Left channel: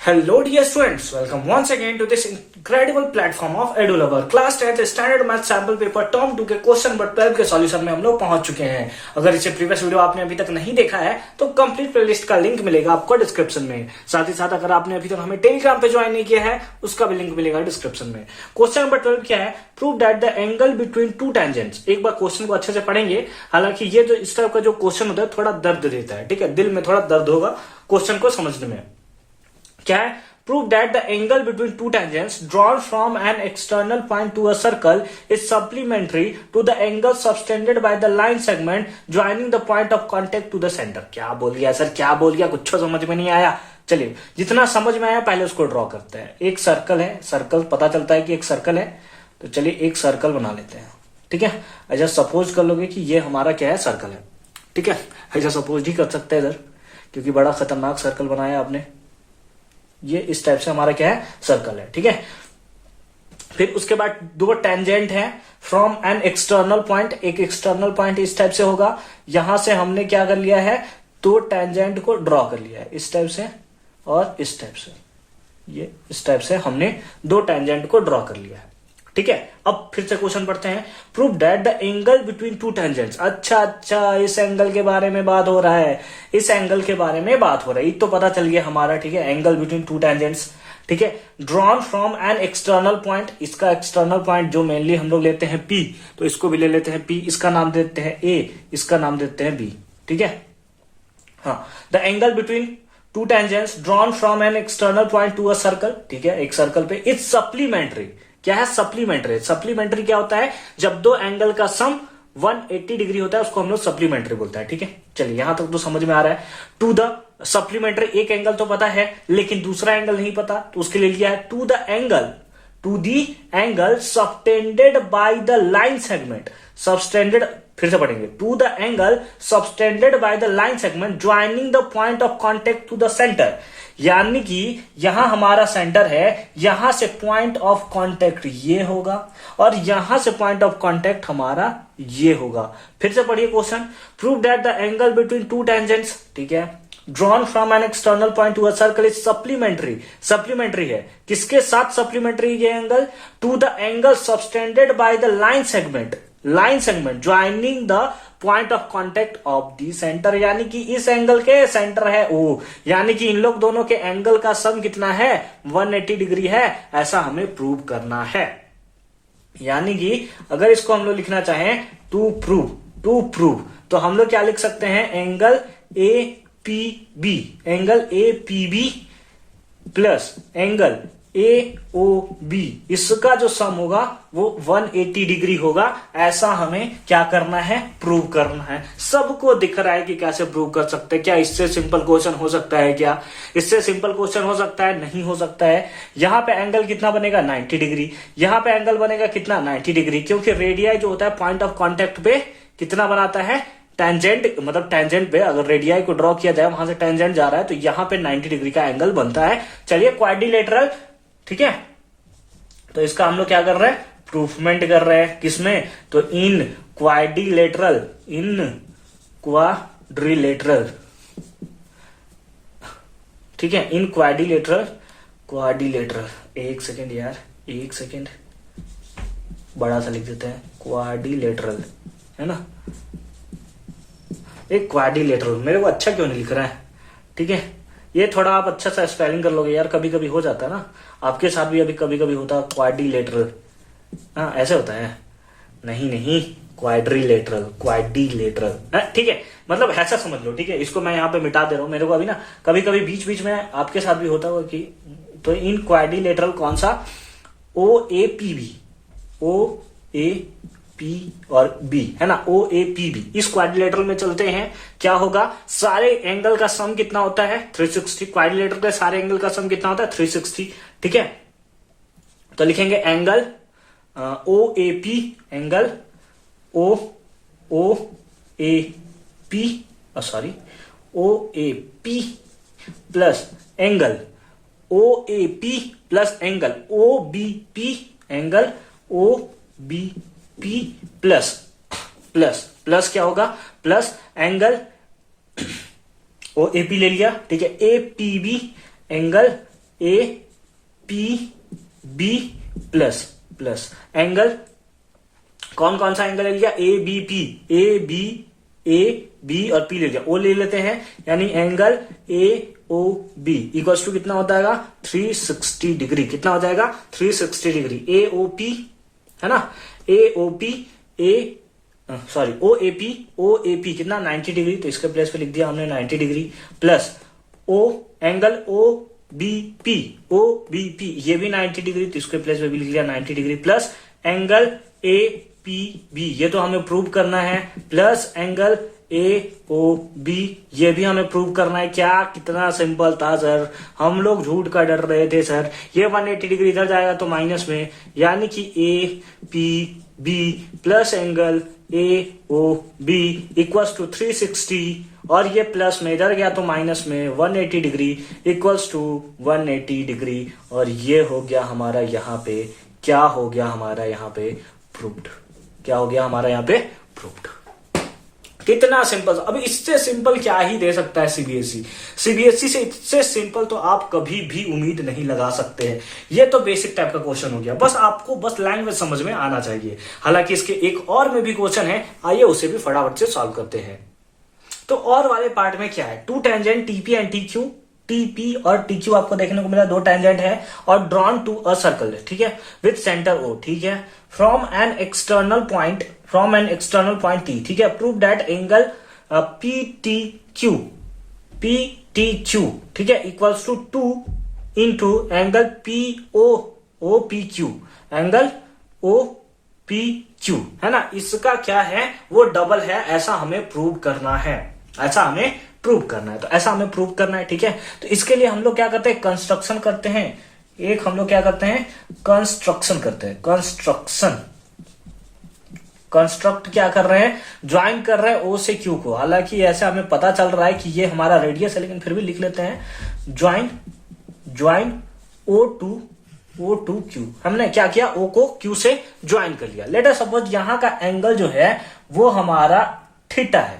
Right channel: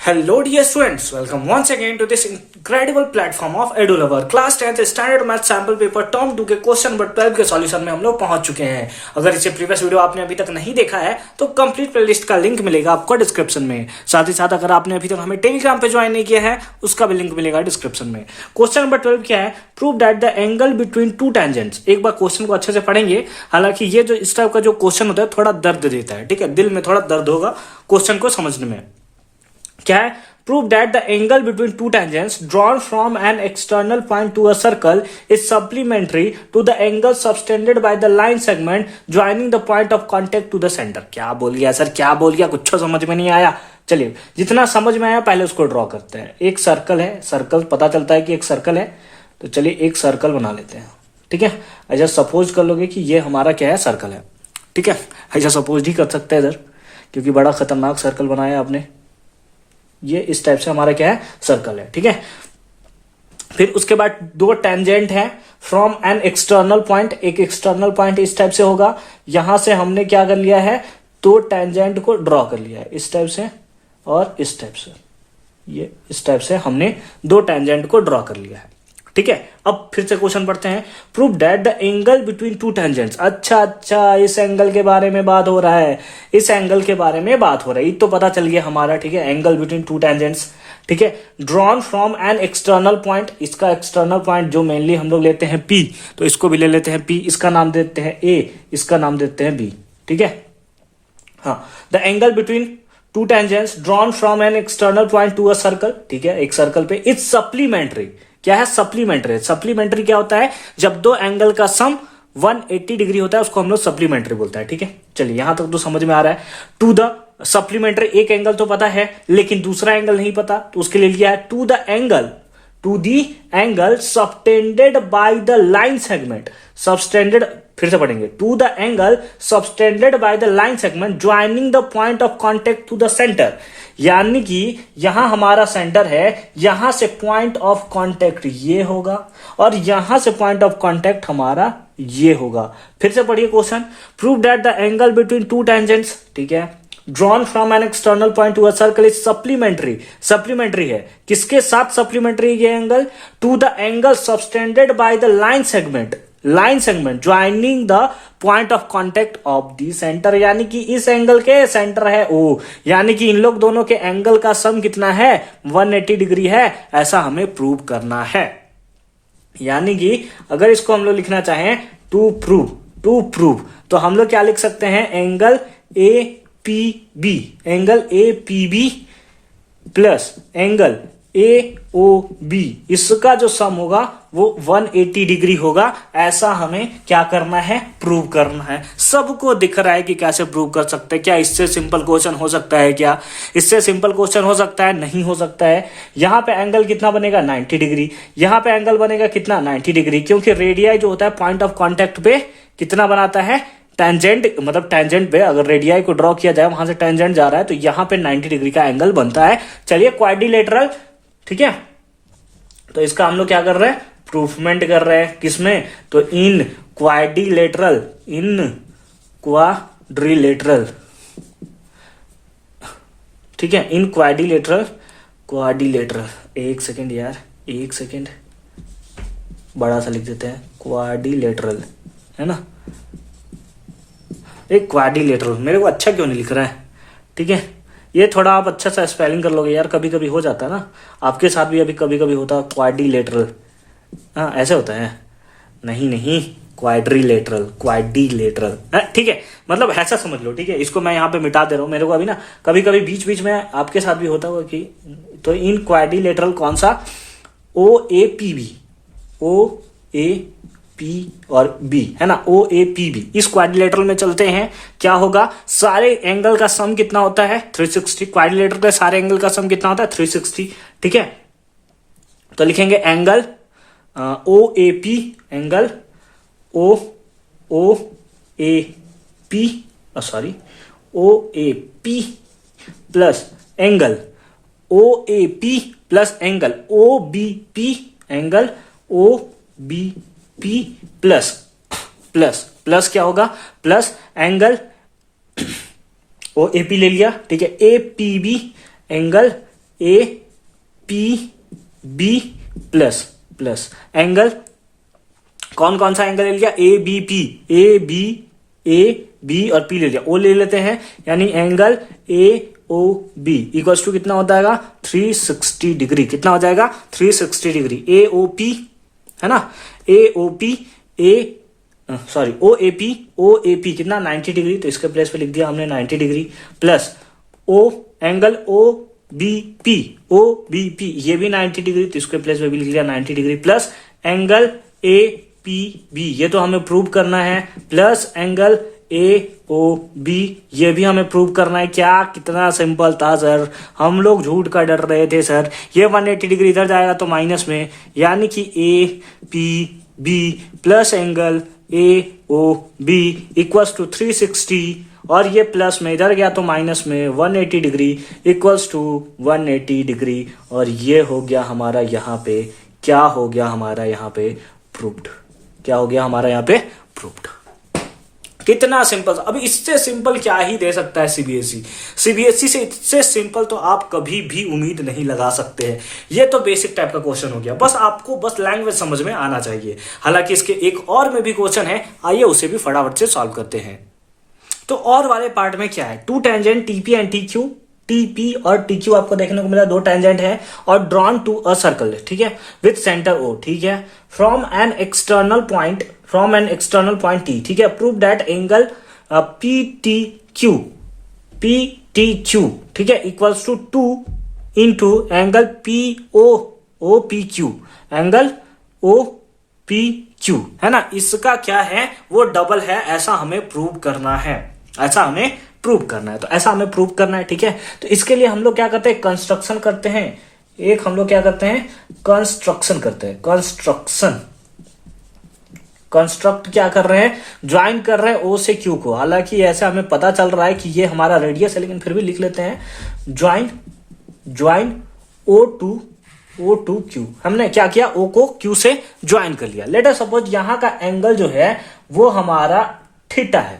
Hello dear students, welcome once again to this incredible platform of EduLover। Class 10th standard math sample paper term 2 के question number 12 के solution में हम लोग पहुंच चुके हैं। अगर इसे प्रीवियस वीडियो आपने अभी तक नहीं देखा है तो कंप्लीट प्लेलिस्ट का लिंक मिलेगा आपको डिस्क्रिप्शन में। साथ ही साथ अगर आपने अभी तक हमें टेलीग्राम पे ज्वाइन नहीं किया है उसका भी लिंक मिलेगा डिस्क्रिप्शन में। क्वेश्चन नंबर 12 क्या है? Prove that the angle between two tangents. एक बार क्वेश्चन को अच्छे से पढ़ेंगे। हालांकि ये जो इस टाइप का जो क्वेश्चन होता है थोड़ा दर्द देता है, ठीक है, दिल में थोड़ा दर्द होगा क्वेश्चन को समझने में। क्या है? Prove that the angle between two tangents drawn from an external point to a circle is supplementary to the angle subtended by the line segment joining the point of contact to the center। क्या बोल गया sir, क्या बोल गया, कुछ समझ में नहीं आया। चलिए, जितना समझ में आया पहले उसको ड्रॉ करते हैं। एक सर्कल है, सर्कल पता चलता है कि एक सर्कल है, तो चलिए एक सर्कल बना लेते हैं, ठीक है। ऐसा सपोज कर लोगे कि ये हमारा क्या है, सर्कल है, ठीक है। ऐसा सपोज ही कर सकते हैं इधर, क्योंकि बड़ा खतरनाक सर्कल बनाया आपने। ये इस टाइप से हमारा क्या है, सर्कल है, ठीक है। फिर उसके बाद दो टेंजेंट है फ्रॉम एन एक्सटर्नल पॉइंट। एक एक्सटर्नल पॉइंट इस टाइप से होगा, यहां से हमने क्या कर लिया है, दो टेंजेंट को ड्रॉ कर लिया है, इस टाइप से और इस टाइप से। ये इस टाइप से हमने दो टेंजेंट को ड्रॉ कर लिया है, ठीक है। अब फिर से क्वेश्चन पढ़ते हैं। Prove that the angle between two tangents. अच्छा, इस एंगल के बारे में बात हो रहा है, इस एंगल के बारे में बात हो रही है, तो पता चल गया हमारा, ठीक है। एंगल बिटवीन टू टेंजेंट्स, ठीक है, drawn from an external point. इसका एक्सटर्नल पॉइंट जो मेनली हम लोग लेते हैं P, तो इसको भी ले लेते हैं P। इसका नाम देते हैं A, इसका नाम देते हैं B, ठीक है। हाँ, the angle between two tangents drawn from an external point to a circle, ठीक है, एक सर्कल पे। It's supplementary. क्या है? सप्लीमेंट्री। सप्लीमेंट्री क्या होता है? जब दो एंगल का सम 180 डिग्री होता है उसको हम लोग सप्लीमेंट्री बोलते हैं, ठीक है। चलिए यहां तक तो समझ में आ रहा है। टू द सप्लीमेंट्री, एक एंगल तो पता है लेकिन दूसरा एंगल नहीं पता, तो उसके लिए लिया है to the angle subtended by the line segment. Subtended, फिर से पढ़ेंगे। To the angle subtended by the line segment joining the point of contact to the centre. यानी कि यहां हमारा सेंटर है, यहां से पॉइंट ऑफ कॉन्टेक्ट ये होगा और यहां से पॉइंट ऑफ कॉन्टेक्ट हमारा ये होगा। फिर से पढ़िए question. Prove that the angle between two tangents, ठीक है, drawn from an external point to a circle is supplementary. Supplementary है किसके साथ? सप्लीमेंट्री ये angle to the angle subtended by the line segment joining the point of contact of the centre. यानी कि इस angle के सेंटर है O, यानी कि इन लोग दोनों के एंगल का सम कितना है, 180 डिग्री है, ऐसा हमें प्रूव करना है। यानी कि अगर इसको हम लोग लिखना चाहें टू प्रूव, तो हम लोग क्या लिख सकते हैं, angle APB, angle APB plus angle AOB, इसका जो सम होगा वो 180 डिग्री होगा। ऐसा हमें क्या करना है, प्रूव करना है। सबको दिख रहा है कि कैसे प्रूव कर सकते हैं। क्या इससे सिंपल क्वेश्चन हो सकता है? क्या इससे सिंपल क्वेश्चन हो सकता है? नहीं हो सकता है। यहां पे एंगल कितना बनेगा, 90 डिग्री। यहां पे एंगल बनेगा कितना, 90 डिग्री, क्योंकि रेडियाई जो होता है पॉइंट ऑफ कॉन्टेक्ट पे कितना बनाता है, टेंजेंट, मतलब टेंजेंट पे अगर रेडियाई को ड्रॉ किया जाए, वहां से टेंजेंट जा रहा है, तो यहां पे 90 डिग्री का एंगल बनता है। चलिए क्वाड्रिलेटरल, ठीक है, तो इसका हम लोग क्या कर रहे हैं, प्रूफमेंट कर रहे हैं। किसमें? तो इन क्वाड्रिलेटरल, ठीक है, इन क्वाड्रिलेटरल। एक सेकेंड यार, एक सेकेंड, बड़ा सा लिख देते हैं, क्वाड्रिलेटरल, है ना। एक क्वाड्रिलेटरल मेरे को अच्छा क्यों नहीं लिख रहा है, ठीक है। ये थोड़ा आप अच्छा सा स्पेलिंग कर लोगे यार, कभी कभी हो जाता है ना, आपके साथ भी अभी कभी कभी होता है क्वाड्रिलेटरल। हाँ ऐसे होता है, नहीं क्वाड्रिलेटरल, ठीक है, मतलब ऐसा समझ लो, ठीक है। इसको मैं यहाँ पे मिटा दे रहा हूँ, मेरे को अभी ना कभी कभी बीच बीच में आपके साथ भी होता होगा कि, तो इन क्वाड्रिलेटरल कौन सा, OAPB, P और B, है ना, OAPB, इस क्वाड्रिलेटरल में चलते हैं। क्या होगा, सारे एंगल का सम कितना होता है, 360। क्वाड्रिलेटरल के सारे एंगल का सम कितना होता है, 360, ठीक है। तो लिखेंगे angle OAP, angle OAP plus angle OAP plus angle OBP, angle OBP plus क्या होगा, प्लस एंगल OAP ले लिया, ठीक है, APB, angle A P B plus plus angle, कौन कौन सा एंगल ले लिया, A B P, A B और पी ले लिया, ओ ले लेते हैं, यानी angle A O B equals to कितना होता है 360 डिग्री। कितना हो जाएगा 360 डिग्री। ए ओ पी है ना, ए O P O A P कितना 90 डिग्री, तो इसके प्लेस पे लिख दिया हमने 90 degree, plus O angle O B P ये भी 90 डिग्री, तो इसके प्लेस पे भी लिख दिया 90 degree, plus angle A P B ये तो हमें प्रूव करना है, plus angle A O B ये भी हमें प्रूव करना है। क्या कितना सिंपल था सर, हम लोग झूठ का डर रहे थे सर। ये 180 डिग्री इधर जाएगा तो माइनस में, यानी कि A P B plus angle A O B equals to 360, और ये प्लस में इधर गया तो माइनस में 180 डिग्री इक्वल्स टू 180 डिग्री, और ये हो गया हमारा यहाँ पे, क्या हो गया हमारा यहाँ पे प्रूव्ड, क्या हो गया हमारा यहाँ पे प्रूव्ड। कितना सिंपल, अब इससे सिंपल क्या ही दे सकता है सीबीएसई से इससे सिंपल तो आप कभी भी उम्मीद नहीं लगा सकते हैं। ये तो बेसिक टाइप का क्वेश्चन हो गया, बस आपको बस लैंग्वेज समझ में आना चाहिए। हालांकि इसके एक और में भी क्वेश्चन है, आइए उसे भी फटाफट से सॉल्व करते हैं। तो और वाले पार्ट में क्या है, 2 tangent TP and TQ, TP और टीक्यू आपको देखने को मिला, 2 टेंजेंट है और ड्रॉन टू अ सर्कल, ठीक है, विथ सेंटर ओ, ठीक है, from an external point T, ठीक है, prove that angle P T Q, ठीक है, equals to 2 into angle P O P Q, angle O P Q, है ना। इसका क्या है, वो डबल है, ऐसा हमें प्रूव करना है, ऐसा हमें प्रूव करना है, तो ऐसा हमें प्रूव करना है, ठीक है। तो इसके लिए हम लोग क्या करते हैं, कंस्ट्रक्शन करते हैं। एक हम लोग क्या करते हैं, कंस्ट्रक्शन करते हैं, कंस्ट्रक्ट क्या कर रहे हैं, ज्वाइन कर रहे हैं ओ से क्यू को। हालांकि ऐसे हमें पता चल रहा है कि ये हमारा रेडियस है, लेकिन फिर भी लिख लेते हैं, ज्वाइन ओ टू क्यू। हमने क्या किया, ओ को क्यू से ज्वाइन कर लिया। लेट अस सपोज यहां का एंगल जो है वो हमारा थीटा है।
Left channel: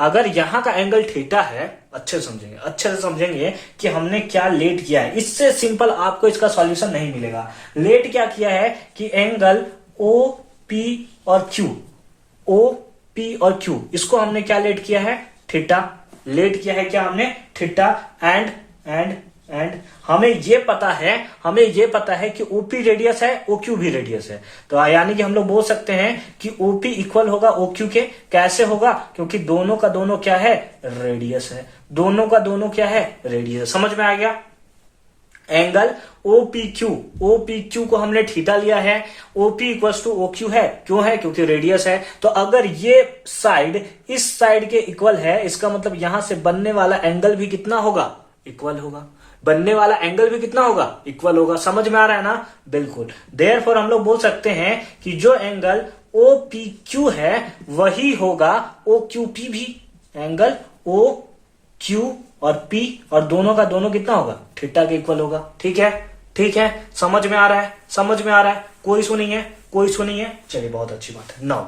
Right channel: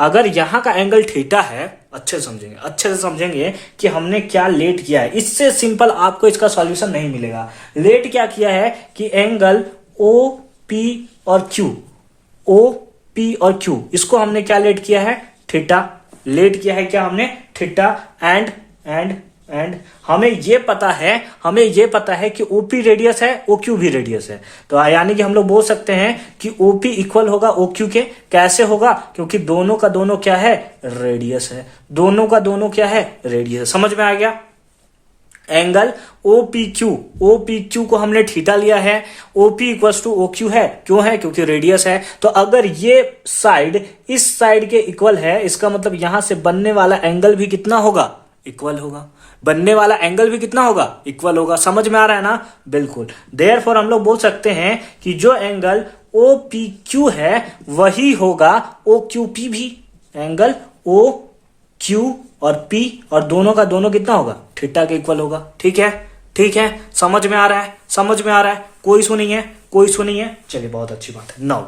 अगर यहां का एंगल थीटा है, अच्छे से समझेंगे कि हमने क्या लेट किया है। इससे सिंपल आपको इसका सॉल्यूशन नहीं मिलेगा। लेट क्या किया है कि एंगल ओ पी और क्यू, इसको हमने क्या लेट किया है, थीटा लेट किया है। क्या हमने थीटा एंड हमें ये पता है कि ओपी रेडियस है, ओक्यू भी रेडियस है, तो यानी कि हम लोग बोल सकते हैं कि ओपी इक्वल होगा ओक्यू के। कैसे होगा, क्योंकि दोनों का दोनों क्या है, रेडियस है, दोनों का दोनों क्या है, रेडियस। समझ में आ गया। एंगल OPQ को हमने थीटा लिया है, OP इक्वल्स टू OQ है, क्यों है, क्योंकि रेडियस है। तो अगर ये साइड इस साइड के इक्वल है, इसका मतलब यहां से बनने वाला एंगल भी कितना होगा, इक्वल होगा। बनने वाला एंगल भी कितना होगा, इक्वल होगा। समझ में आ रहा है ना, बिल्कुल। देयरफॉर हम लोग बोल सकते हैं कि जो एंगल OPQ है वही होगा OQP भी। एंगल OQ और P और दोनों का दोनों कितना होगा, थीटा के इक्वल होगा। ठीक है, समझ में आ रहा है, कोई इशू नहीं है, चलिए बहुत अच्छी बात है। नाउ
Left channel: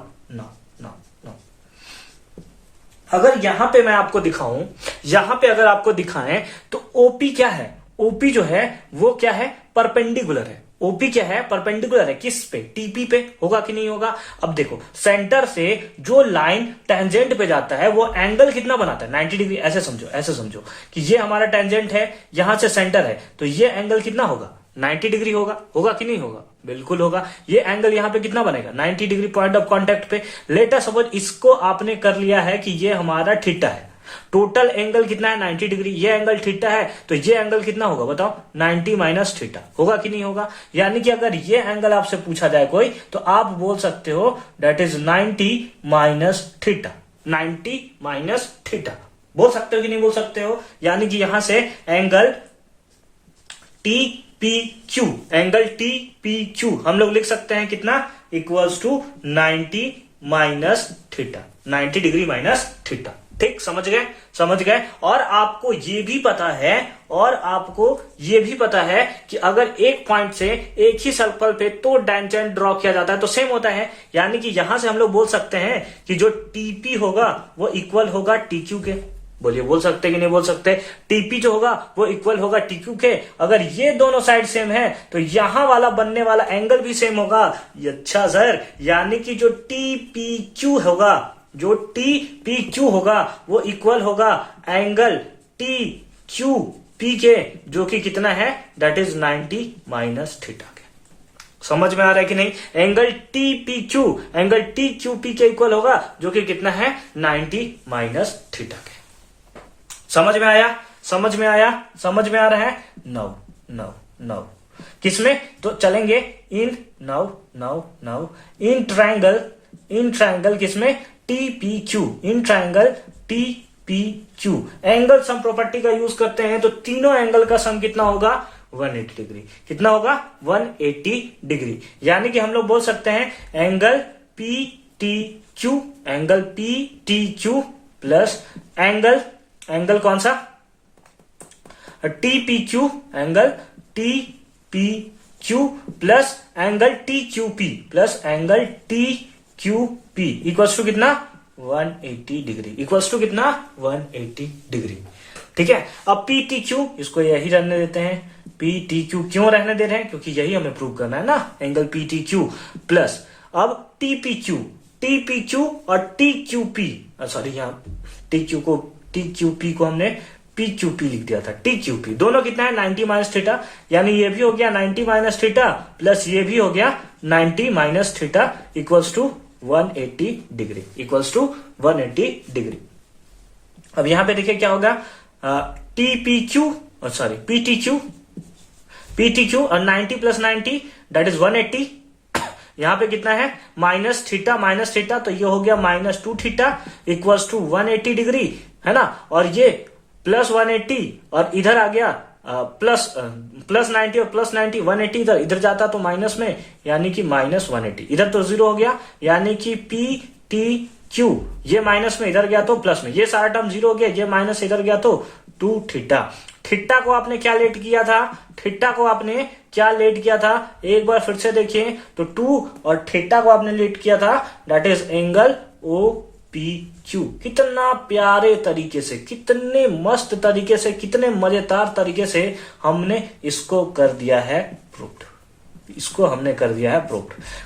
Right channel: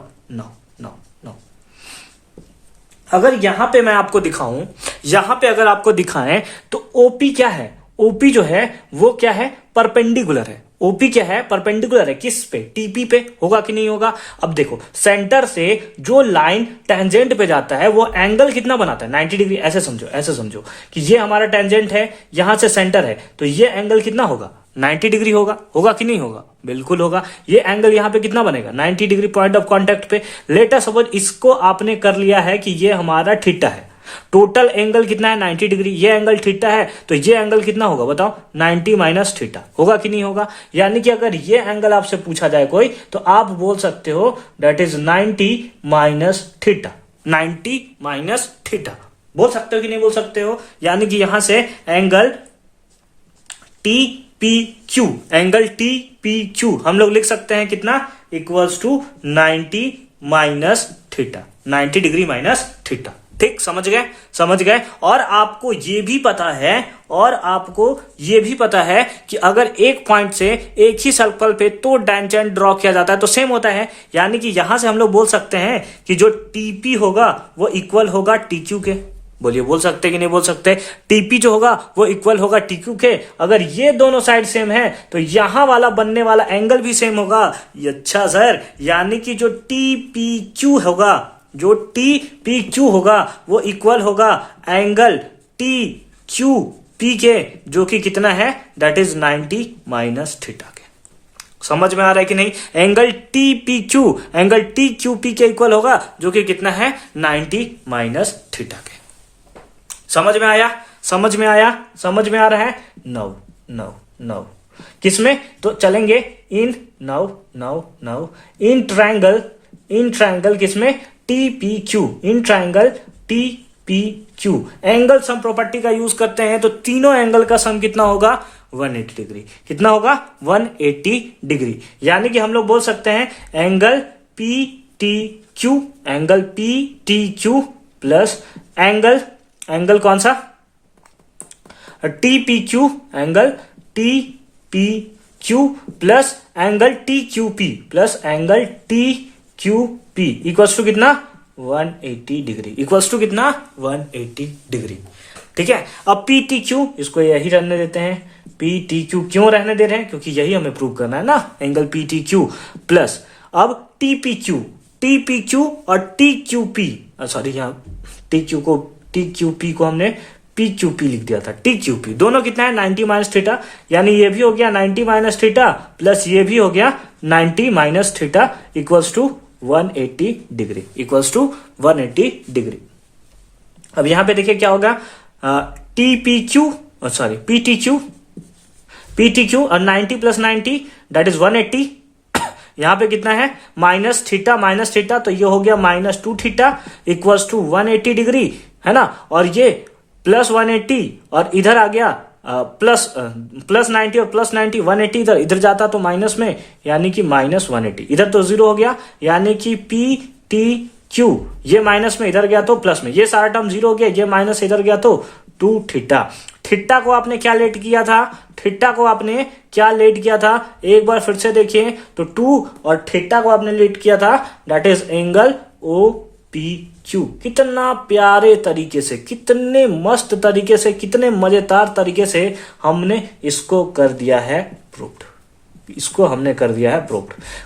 अगर यहां पे मैं आपको दिखाऊं, अगर आपको दिखाएं तो ओपी क्या है, ओपी जो है वो क्या है, परपेंडिकुलर है। ओपी क्या है, परपेंडिकुलर है, किस पे, टीपी पे। होगा कि नहीं होगा। अब देखो, सेंटर से जो लाइन टेंजेंट पे जाता है वो एंगल कितना बनाता है, 90 डिग्री। ऐसे समझो कि ये हमारा टेंजेंट है, यहां से सेंटर है, तो ये एंगल कितना होगा, 90 डिग्री होगा कि नहीं होगा, बिल्कुल होगा। ये एंगल यहां पे कितना बनेगा, 90 डिग्री पॉइंट ऑफ कांटेक्ट पे। लेट अस सपोज इसको आपने कर लिया है कि ये हमारा थीटा है, टोटल एंगल कितना है, 90 डिग्री। ये एंगल थीटा है, तो ये एंगल कितना होगा बताओ, 90 माइनस थीटा। होगा कि नहीं होगा। यानी कि अगर ये एंगल आपसे पूछा जाए कोई, तो आप बोल सकते हो that is 90 minus theta, 90 minus theta बोल सकते हो कि नहीं बोल सकते हो। यानी कि यहां से एंगल TPQ, एंगल TPQ हम लोग लिख सकते हैं कितना, equals to 90 minus theta, 90 degree minus theta. ठीक, समझ गए। और आपको ये भी पता है कि अगर एक पॉइंट से एक ही सर्कल पे तो टेंजेंट ड्रॉ किया जाता है तो सेम होता है। यानी कि यहां से हम लोग बोल सकते हैं कि जो TP होगा वो इक्वल होगा TQ के। बोलिए बोल सकते कि नहीं बोल सकते? टीपी जो होगा वो इक्वल होगा टीक्यू के। अगर ये दोनों साइड सेम है तो यहां वाला बनने वाला एंगल भी सेम होगा। अच्छा सर, यानी कि जो टीपीक्यू होगा, जो टीपीक्यू होगा वो इक्वल होगा एंगल टीक्यूपी के, जो कि कितना है, दैट इज 90 माइनस थीटा के। समझ में आ रहा है कि नहीं? एंगल टीक्यूपी के इक्वल होगा, जो कि कितना है, 90 माइनस थीटा के। समझ में आया? समझ में आया? समझ में आ रहा है? नौ किसमें? तो चलेंगे इन इन ट्रायंगल किसमें? TPQ, in triangle TPQ. Angle sum property का यूज करते हैं तो तीनों एंगल का सम कितना होगा? 180 डिग्री। कितना होगा? 180 डिग्री। यानी कि हम लोग बोल सकते हैं एंगल पीटीक्यू प्लस एंगल कौन सा? TPQ, angle TPQ plus angle TQP plus angle TQP equals to कितना? 180 डिग्री। इक्वल्स टू कितना? 180 डिग्री। ठीक है। अब पीटीक्यू, इसको यही रहने देते हैं। पीटीक्यू क्यों रहने दे रहे हैं? क्योंकि यही हमें प्रूव करना है ना, एंगल पीटीक्यू प्लस अब टीपीक्यू और टीक्यूपी, सॉरी यहाँ टीक्यूपी को हमने पीक्यूपी लिख दिया था। टीक्यूपी दोनों कितना है? 90 माइनस थीटा। यानी ये भी हो गया 90 माइनस थीटा प्लस ये भी हो गया 90 minus theta equals to 180 degree. Equals to 180 degree. अब यहां पे देखिए क्या होगा, पीटीक्यू और 90 प्लस 90 दैट इज 180। यहां पे कितना है? माइनस थीटा, तो ये हो गया -2 थीटा इक्वल्स टू 180 डिग्री, है ना। और ये प्लस 180 और इधर आ गया प्लस 90 और प्लस 90, 180 इधर जाता तो माइनस में, यानी कि -180। इधर तो 0 हो गया, यानी कि पीटीक्यू ये माइनस में इधर गया तो प्लस में, ये सारा टर्म 0 हो गया, ये माइनस इधर गया तो 2 थीटा। थीटा को आपने क्या लेट किया था? एक बार फिर से देखिए तो 2 और थीटा को आपने लेट किया था, दैट इज एंगल OPQ। कितना प्यारे तरीके से, कितने मस्त तरीके से, कितने मजेदार तरीके से हमने इसको कर दिया है प्रूव्ड।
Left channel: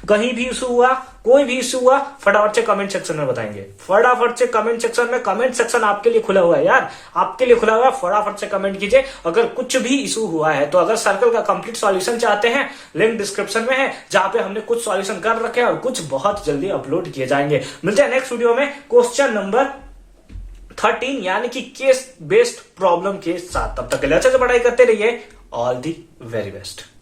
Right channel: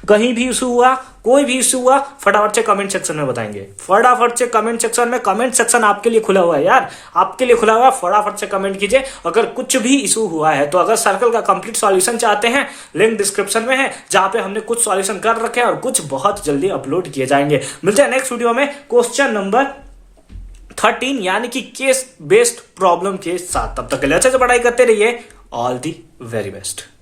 कहीं भी इशू हुआ, कोई भी इशू हुआ, फटाफट से कमेंट सेक्शन में बताएंगे। कमेंट सेक्शन आपके लिए खुला हुआ है यार, आपके लिए खुला हुआ है। फटाफट से कमेंट कीजिए अगर कुछ भी इशू हुआ है तो। अगर सर्कल का कंप्लीट सॉल्यूशन चाहते हैं, लिंक डिस्क्रिप्शन में है, जहां पे हमने कुछ सॉल्यूशन कर रखे हैं और कुछ बहुत जल्दी अपलोड किए जाएंगे। मिलते हैं नेक्स्ट वीडियो में क्वेश्चन नंबर 13 यानी कि केस बेस्ड प्रॉब्लम के साथ। तब तक के लिए अच्छे से पढ़ाई करते रहिए। All the very best.